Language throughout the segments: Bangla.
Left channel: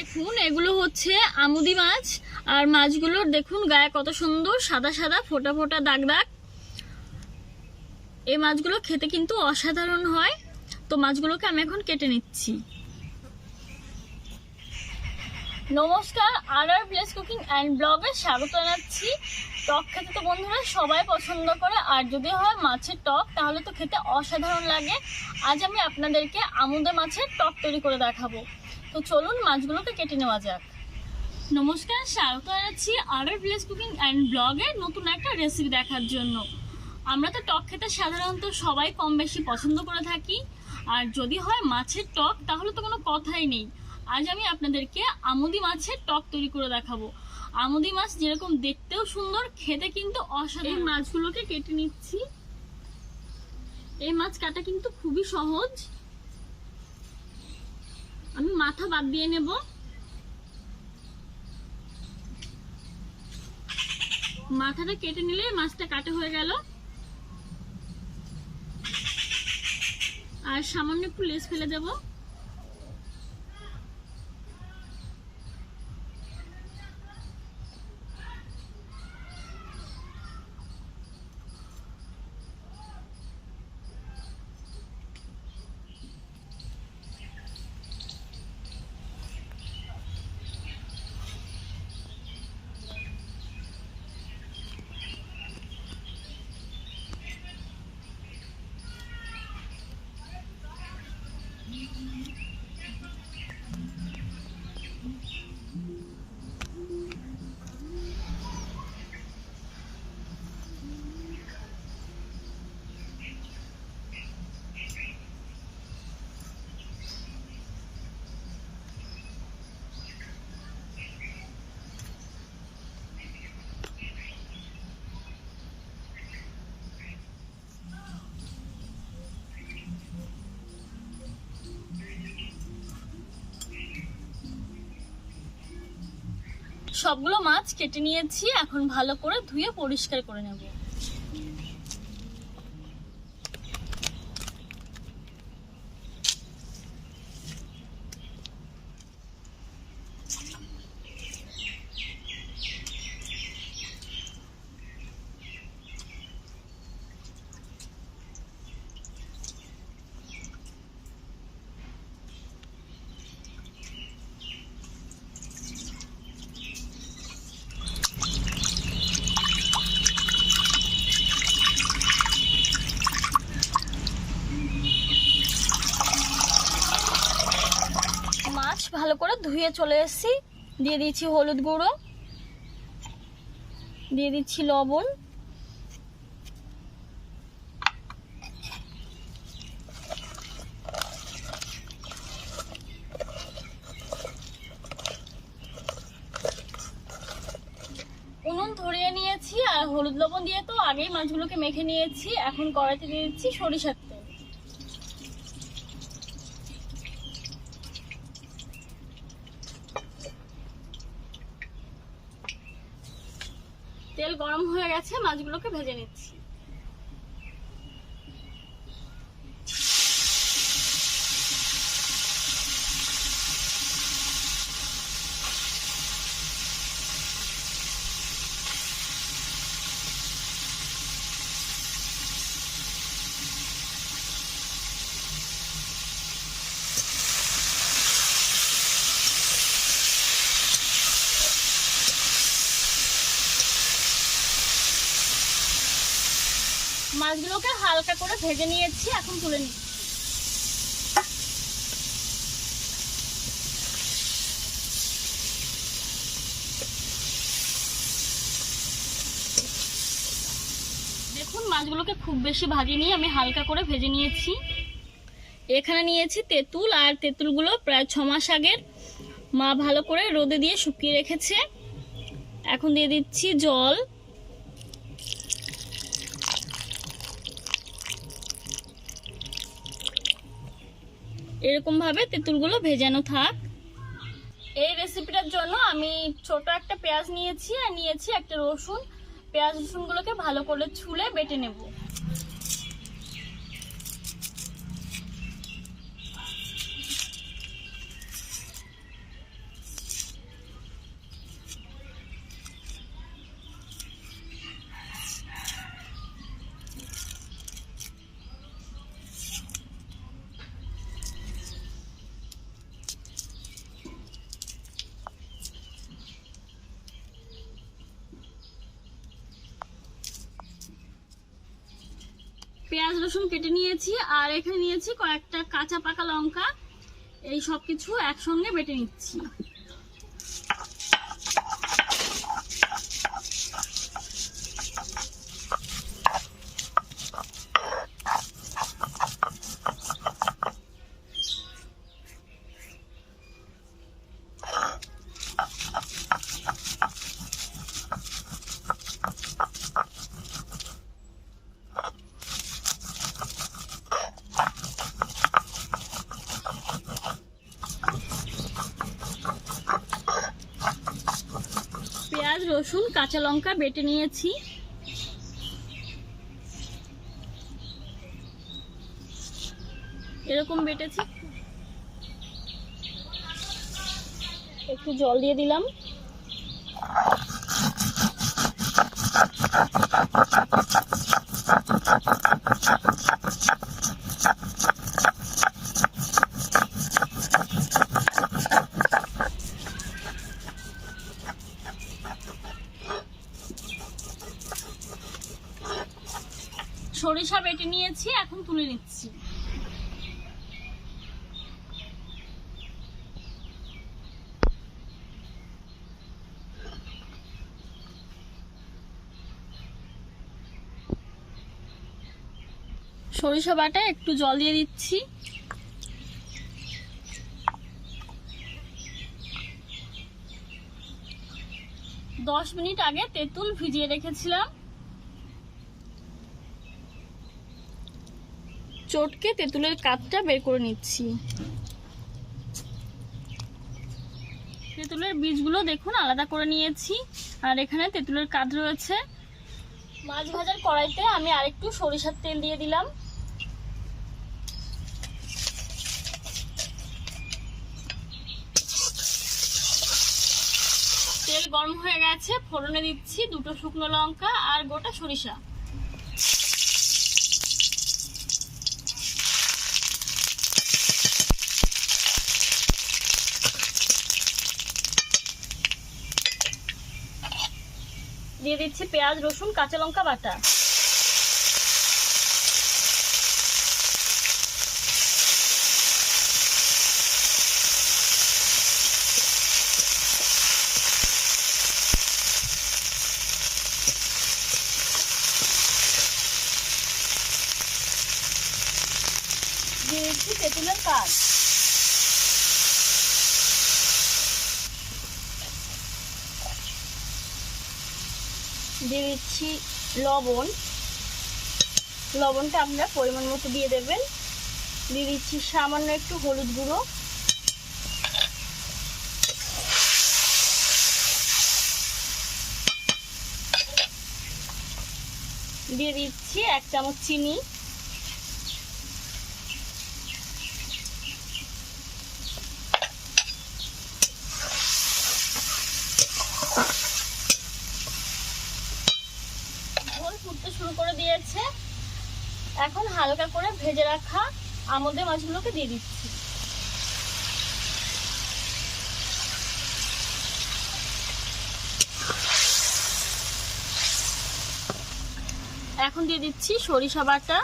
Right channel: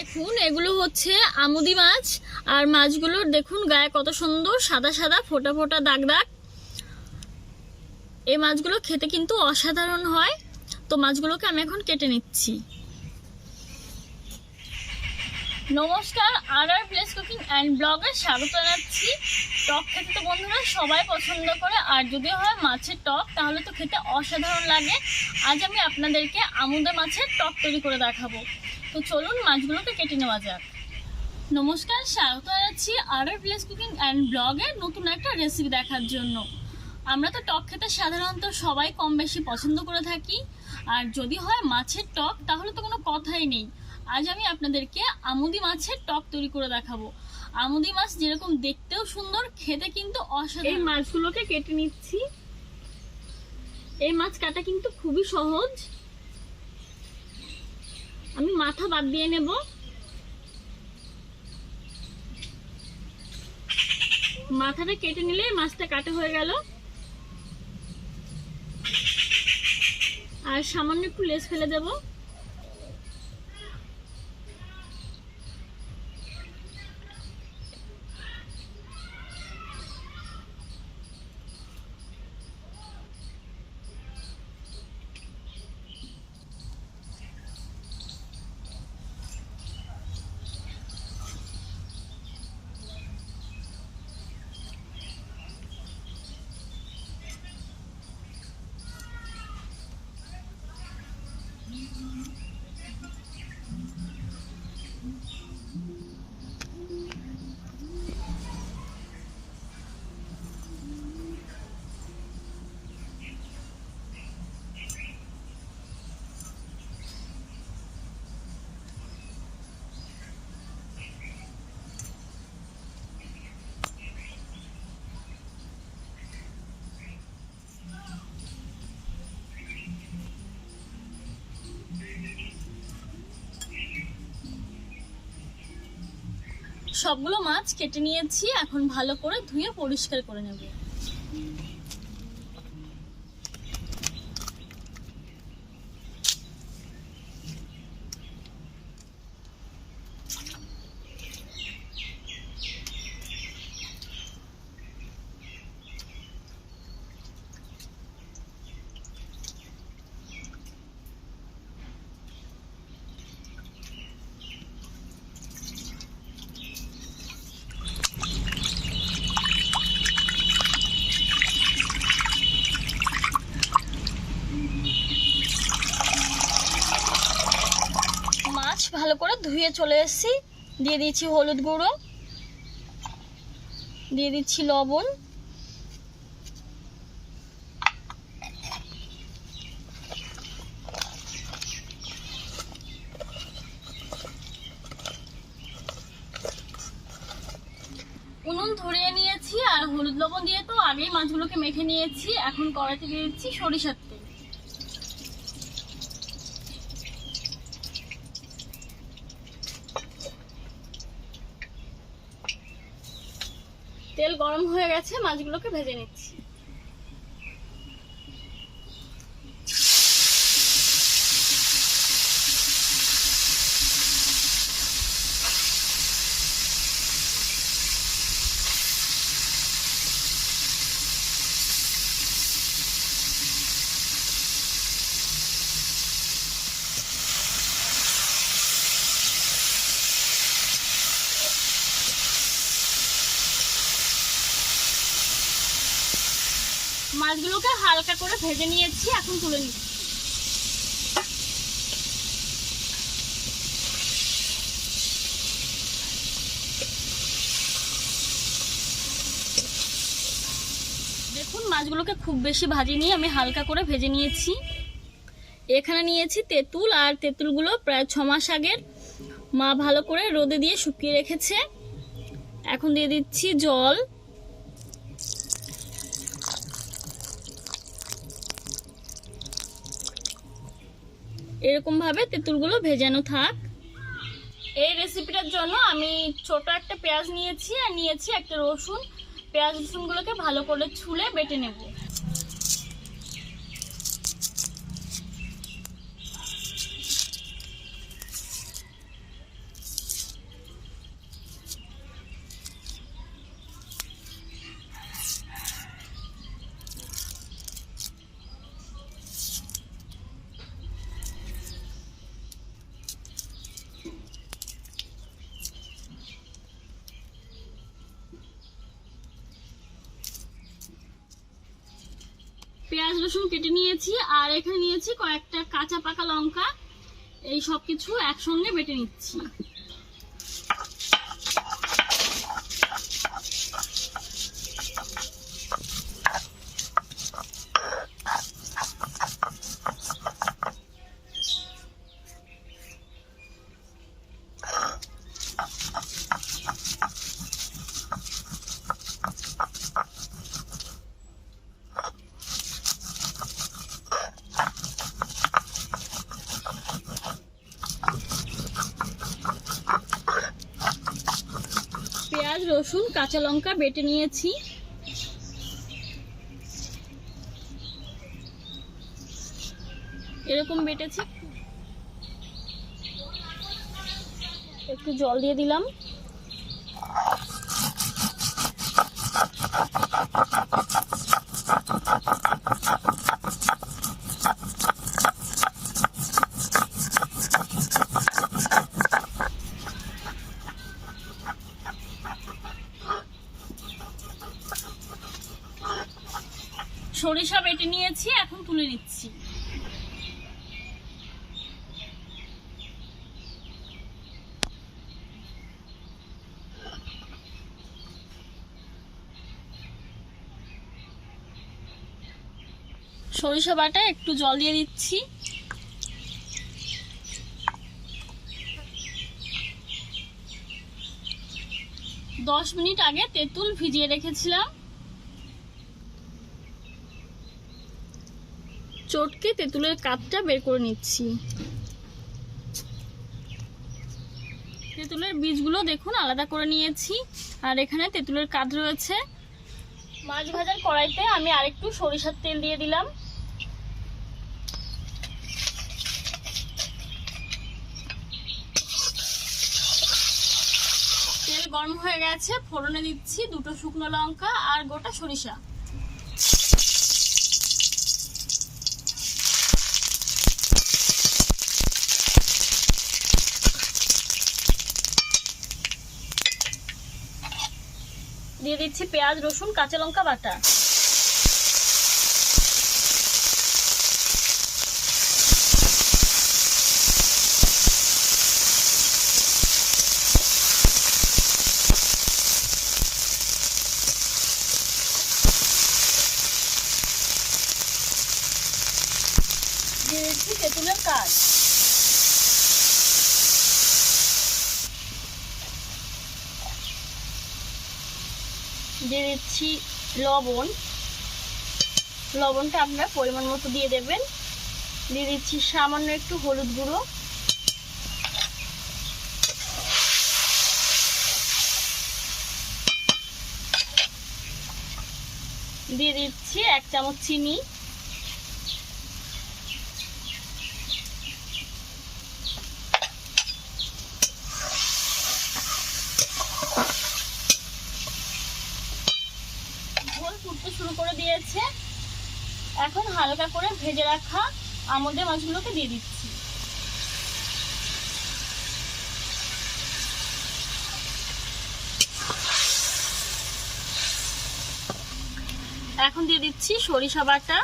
দেখুন এগুলো হচ্ছে আমুদি মাছ। আর মাছগুলোর দেখুন গায়ে কত সুন্দর সাদা সাদা ফোটা ফোটা দাগ দাগ। এই মাছগুলো খেতে কিন্তু অসাধারণ হয়। তো মাছগুলোকে আমি এখন কেটে নিচ্ছি। নমস্কার, আর প্লেস কুকিং অ্যান্ড ব্লগে স্বাগত জানাচ্ছি। টক খেতে তো বন্ধুরা সবাই পছন্দ করে, আর যদি হয় মাছের টক তাহলে তো খেতে অসাধারণ লাগে। আজ আমি আপনাদেরকে আমুদা মাছের টক তৈরি করে দেখাবো। তো চলুন মাছগুলোকে কেটে নেওয়া যাক। নমস্কার, স্বাগত জানাচ্ছি আর প্লেস কুকিং অ্যান্ড ব্লগে নতুন একটা রেসিপি দেখার জন্য। আমরা তো টক খেতে সাধারণত সবাই কম বেশি পছন্দ করে থাকি, আর যদি হয় মাছের টক তাহলে তো কোনো কথাই নেই। আজ আমি আপনাদেরকে আমুদি মাছের টক তৈরি করে দেখাবো। আমুদি মাছ যেরকম দেখতেও সুন্দর, খেতে কিন্তু অসাধারণ। এই মাছগুলোকে কেটে নিচ্ছি। এই মাছ কাটা কিন্তু খুবই সহজ। আমি মাথা বাদ দিয়ে নেব। মাথাটা কেটে নিলে মাছটা কাটা হয়ে গেল। আর সামান্য একটু লেজ ফেলে দেব। সবগুলো মাছ কেটে নিয়েছি, এখন ভালো করে ধুয়ে পরিষ্কার করে নেব। মাছ ভালো করে ধুয়ে চলে এসেছি। দিয়ে দিচ্ছি হলুদ গুঁড়ো, দিয়ে দিচ্ছি লবণ, উনুন ধরিয়ে নিয়েছি। আর হলুদ লবণ দিয়ে তো আগেই মাছগুলোকে মেখে নিয়েছি। এখন কড়াইতে দিয়ে দিচ্ছি সরিষার তেল। তেল গরম হয়ে গেছে, মাছগুলোকে ভেজে নিচ্ছি। মাছগুলোকে হালকা করে ভেজে নিয়েছি, এখন তুলে নিচ্ছি। দেখুন মাছগুলোকে খুব বেশি ভাজিনি, আমি হালকা করে ভেজে নিয়েছি। এখানে নিয়েছি তেঁতুল, আর তেঁতুলগুলো প্রায় 6 মাস আগের মা ভালো করে রোদে দিয়ে শুকিয়ে রেখেছে। এখন দিয়ে দিচ্ছি জল। এরকম ভাবে তেঁতুলগুলো ভেজানো থাক। এই রেসিপিটার জন্য আমি ছোট একটা পেঁয়াজ নিয়েছি, আর নিয়েছি একটা রসুন। পেঁয়াজ রসুনগুলোকে ভালো করে ছুলে বেটে নেব। পেঁয়াজ রসুন কেটে নিয়েছি, আর এখানে নিয়েছি কয়েকটা কাঁচা পাকা লঙ্কা। এই সব কিছু একসঙ্গে বেটে নিচ্ছি। পেঁয়াজ রসুন কাঁচা লঙ্কা বেটে নিয়েছি। এরকম বেটেছি। একটু জল দিয়ে দিলাম। সরিষা বেটে নিয়েছি, এখন তুলে নিচ্ছি। সরিষা বাটা একটু জল দিয়ে দিচ্ছি। দশ মিনিট আগে তেঁতুল ভিজিয়ে রেখেছিলাম। চটকে তেঁতুলের কাঠটা বের করে নিচ্ছি। তেঁতুলের বীজগুলো দেখুন আলাদা করে নিয়েছি, আর এখানে তেঁতুলের কাঠ রয়েছে। মাছ ভাজার কড়াইতে আমি আরেকটু সরিষার তেল দিয়ে দিলাম। তেল গরম হয়ে গেছে, ফোড়নে দিচ্ছি দুটো শুকনো লঙ্কা আর গোটা সরিষা। দিয়ে দিচ্ছি পেঁয়াজ রসুন কাঁচা লঙ্কা বাটা। দিয়ে দিচ্ছি তেঁতুলের কাঠ। দিয়ে দিচ্ছি লবণ। লবণটা আপনারা পরিমাণ মতো দিয়ে দেবেন। দিয়ে দিচ্ছি সামান্য একটু হলুদ গুঁড়ো। দিয়ে দিচ্ছি 1 চামচ চিনি। ফুটতে শুরু করে দিয়েছে। এখন হালকা করে ভেজে রাখা আমুদে মাছগুলোকে দিয়ে দিচ্ছি। এখন দিয়ে দিচ্ছি সরিষা বাটা।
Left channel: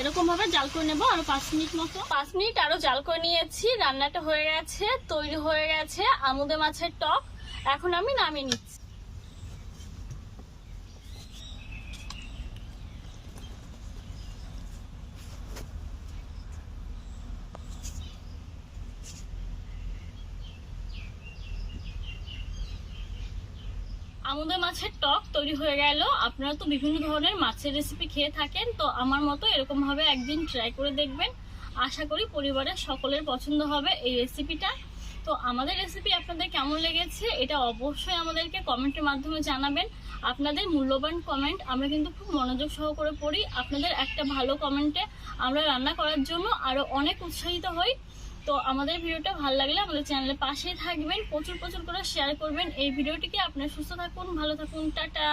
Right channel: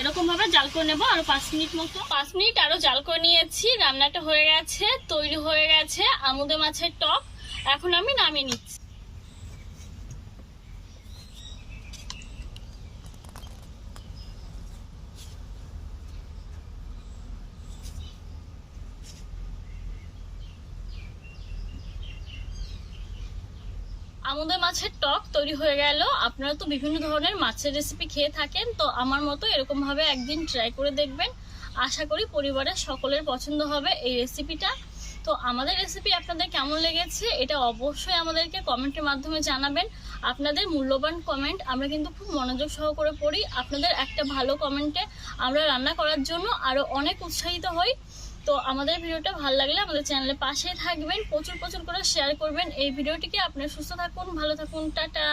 এরকম ভাবে জাল করে নেবো আরো 5 মিনিট মতো। 5 মিনিট আরো জাল করে নিয়েছি। রান্নাটা হয়ে গেছে, তৈরি হয়ে গেছে আমুদে মাছের টক। এখন আমি নামিয়ে নিচ্ছি। আমুদে মাছের টক তৈরি হয়ে গেল। আপনারা তো বিভিন্ন ধরনের মাছের রেসিপি খেয়ে থাকেন, তো আমার মতো এরকম ভাবে একদিন ট্রাই করে দেখবেন। আশা করি পরিবারের সকলের পছন্দ হবে এই রেসিপিটা। তো আমাদের রেসিপি আপনাদের কেমন লেগেছে এটা অবশ্যই আমাদেরকে কমেন্টের মাধ্যমে জানাবেন। আপনাদের মূল্যবান কমেন্ট আমরা কিন্তু খুব মনোযোগ সহকারে পড়ি। আপনাদের একটা ভালো কমেন্টে আমরা রান্না করার জন্য আরো অনেক উৎসাহিত হই। তো আমাদের ভিডিওটা ভালো লাগলে আমাদের চ্যানেলের পাশেই থাকবেন, প্রচুর প্রচুর করে শেয়ার করবেন এই ভিডিওটিকে। আপনারা সুস্থ থাকুন, ভালো থাকুন, টাটা।